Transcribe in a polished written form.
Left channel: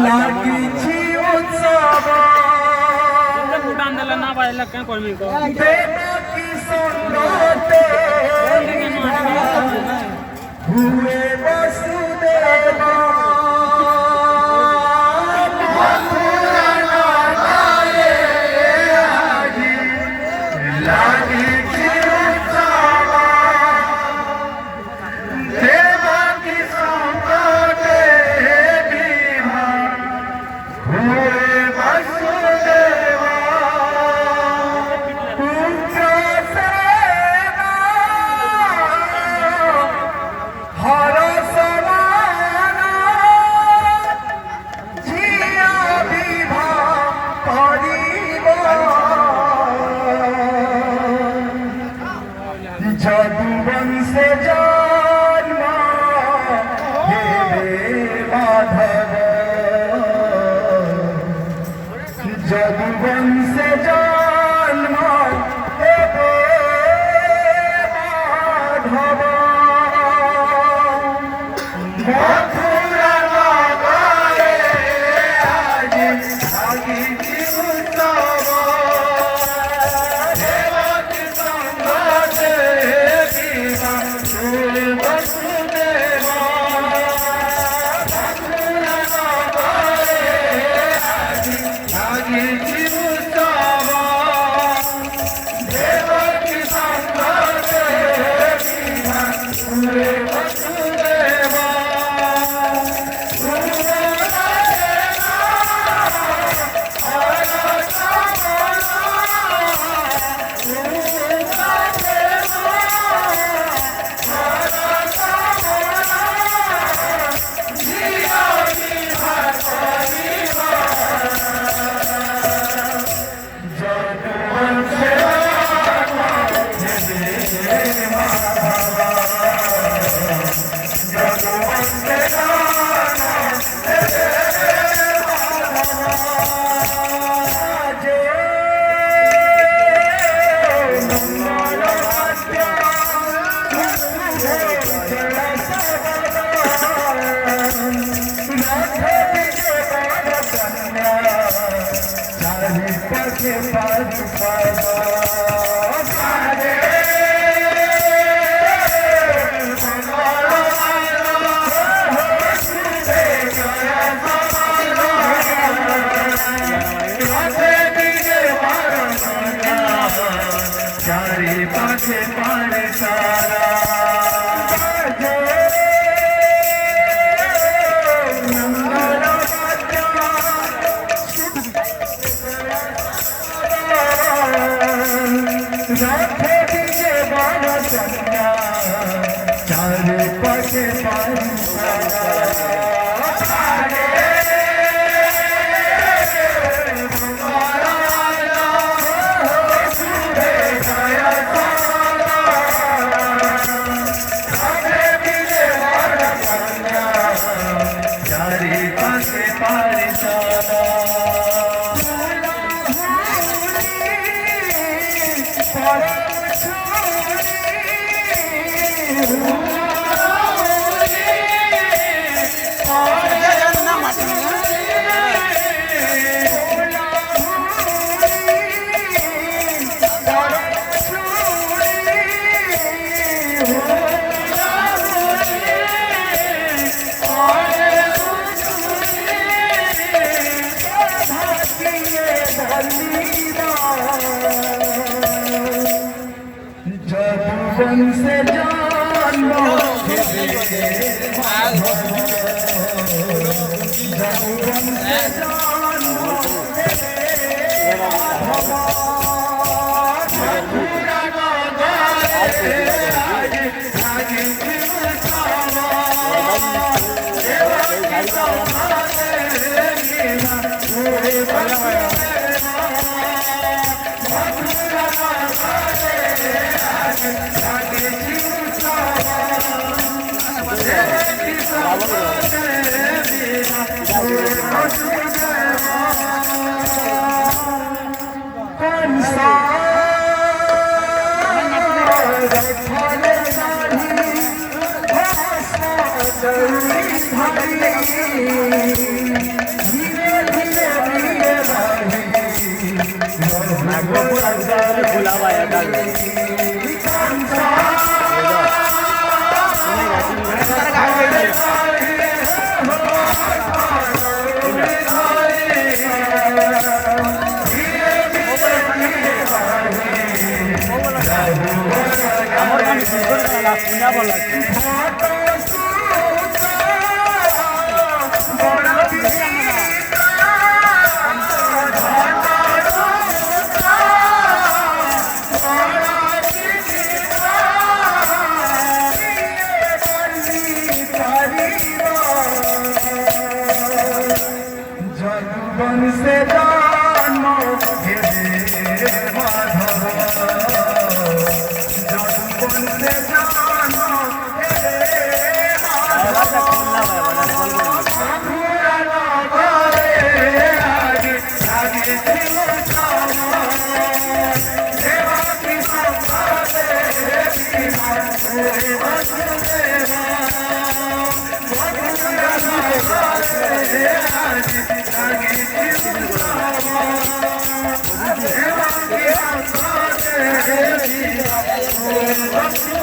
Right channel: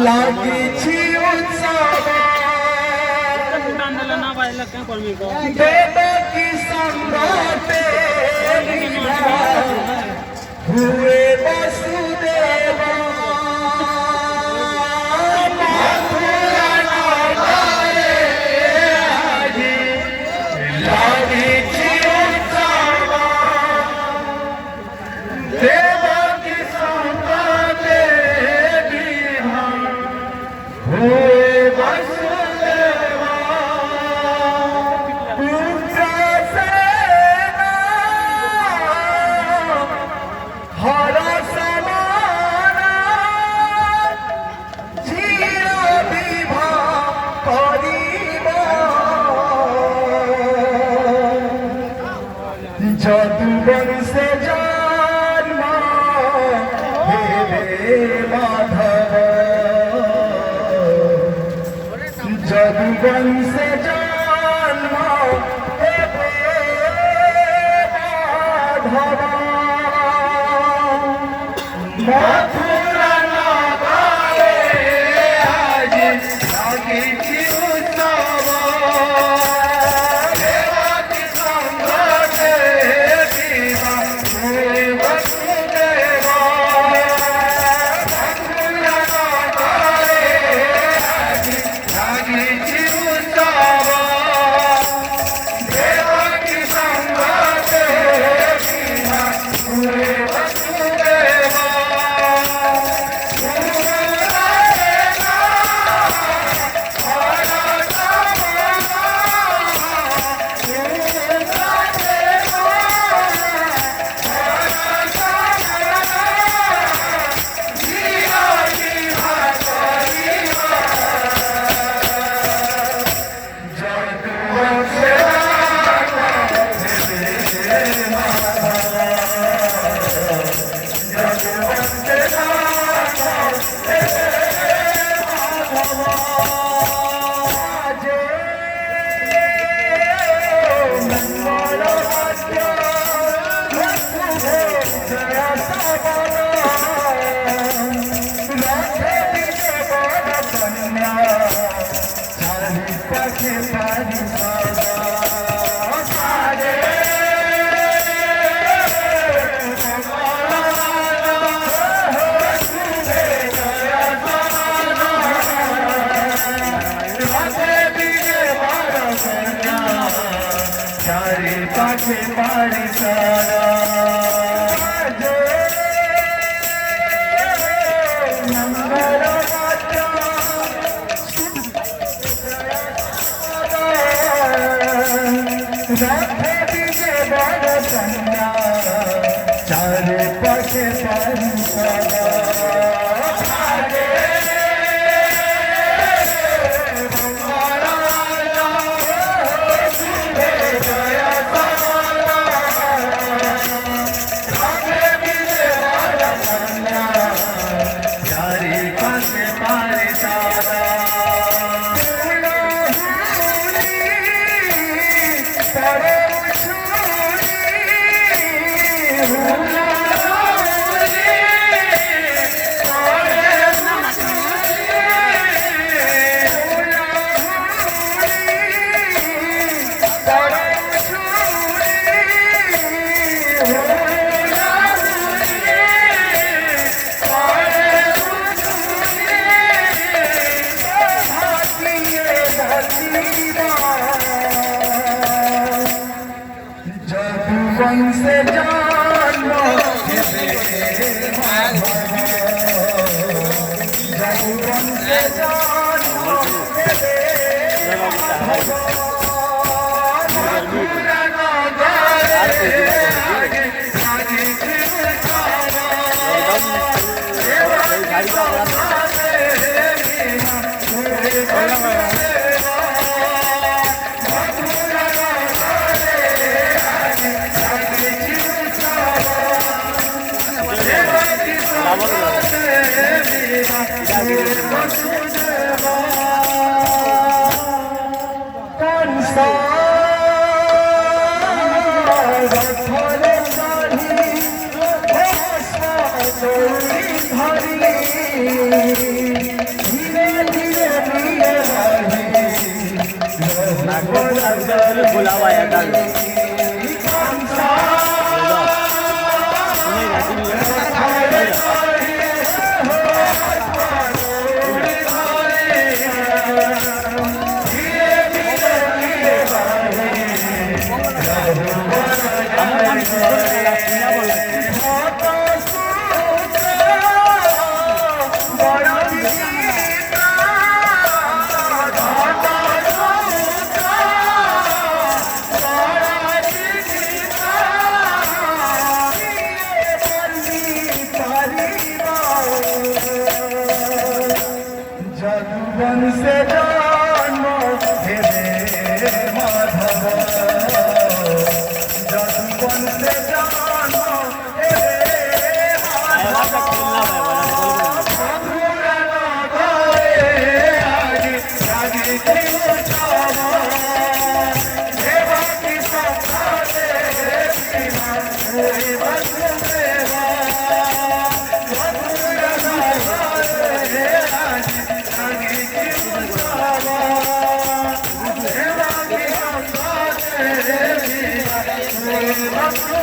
লাগিছি উৎসব দেবকী সঙ্গতে হুয়ে বসুদেব লাগিছি উৎসব দেবকী সঙ্গতে যদুবংশে জন্ম হেবে মাধব যদুবংশে জন্ম হেবে মাধব মথুরা নগরে আজি লাগিছি উৎসব দেবকী সঙ্গতে বসুদেব মথুরা নগরে আজি লাগিছি উৎসব দেবকী সঙ্গতে বসুদেব পাশে পারে সারা চারে পাশে পারে সারা যদুবংশে জন্ম হেবে মাধব যদুবংশে জন্ম হেবে মাধব মথুরা নগরে লাগিছি উৎসব দেবকী সঙ্গতে Consta দৌড়ি ধরি ধীরে ধীরে নিয়ে বাড়ি নাগপুর আর ভোলা ভাই একাল আমার মানে শুনা বলা जदुवन से जानो हेरे माधव जदुवन से जानो हेरे भाई खोलना भाई वाला बोल आगे आगे थियो सामा देवा की संभाले की वसुदेवा Let's go.